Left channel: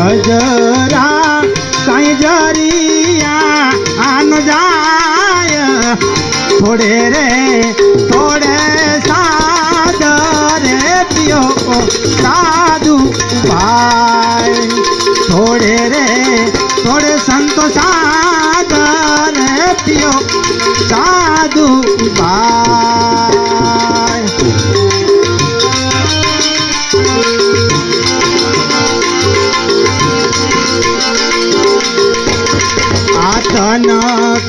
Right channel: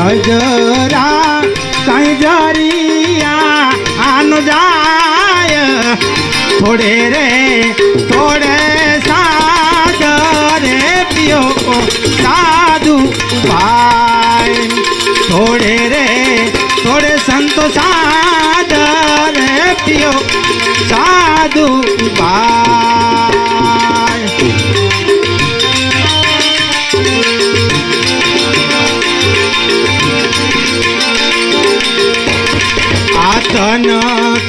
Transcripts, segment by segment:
અજરા કઈ જરિયા આન જાય થોડે રે થોડે સાદરે પિયો સાધુ ભાઈ થોડે રે થોડે સંતો સાદરે પિયો સાધુ ભાઈ આતન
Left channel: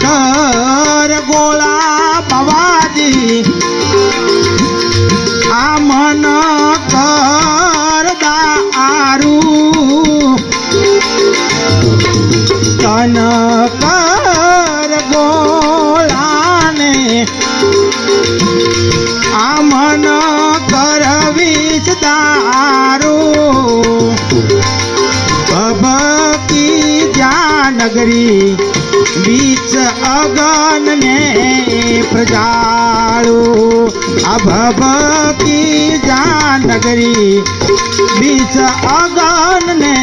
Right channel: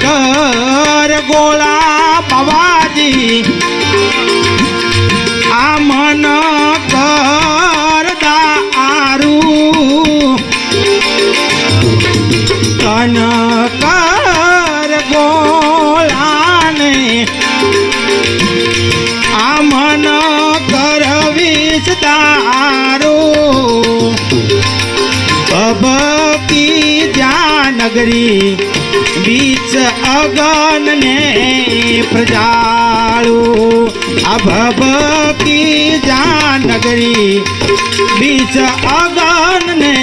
કર ગોળા બાવાજી આ મન કર દારૂ તન કર ગોળાને આ મન કર વિષ દારૂ અબકી નગરી બીચ અગન ને પ્રજાળું આ ભબકી જાનગરી બીચ અગન ને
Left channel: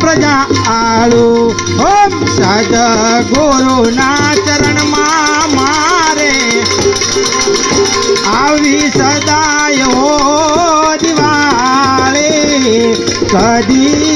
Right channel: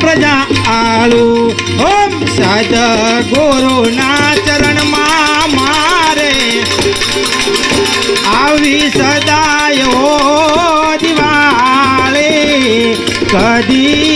પ્રજાળું ઓમ સદગુરુના ચરણમાં મારે આવી સદાયો દિવાળી કદી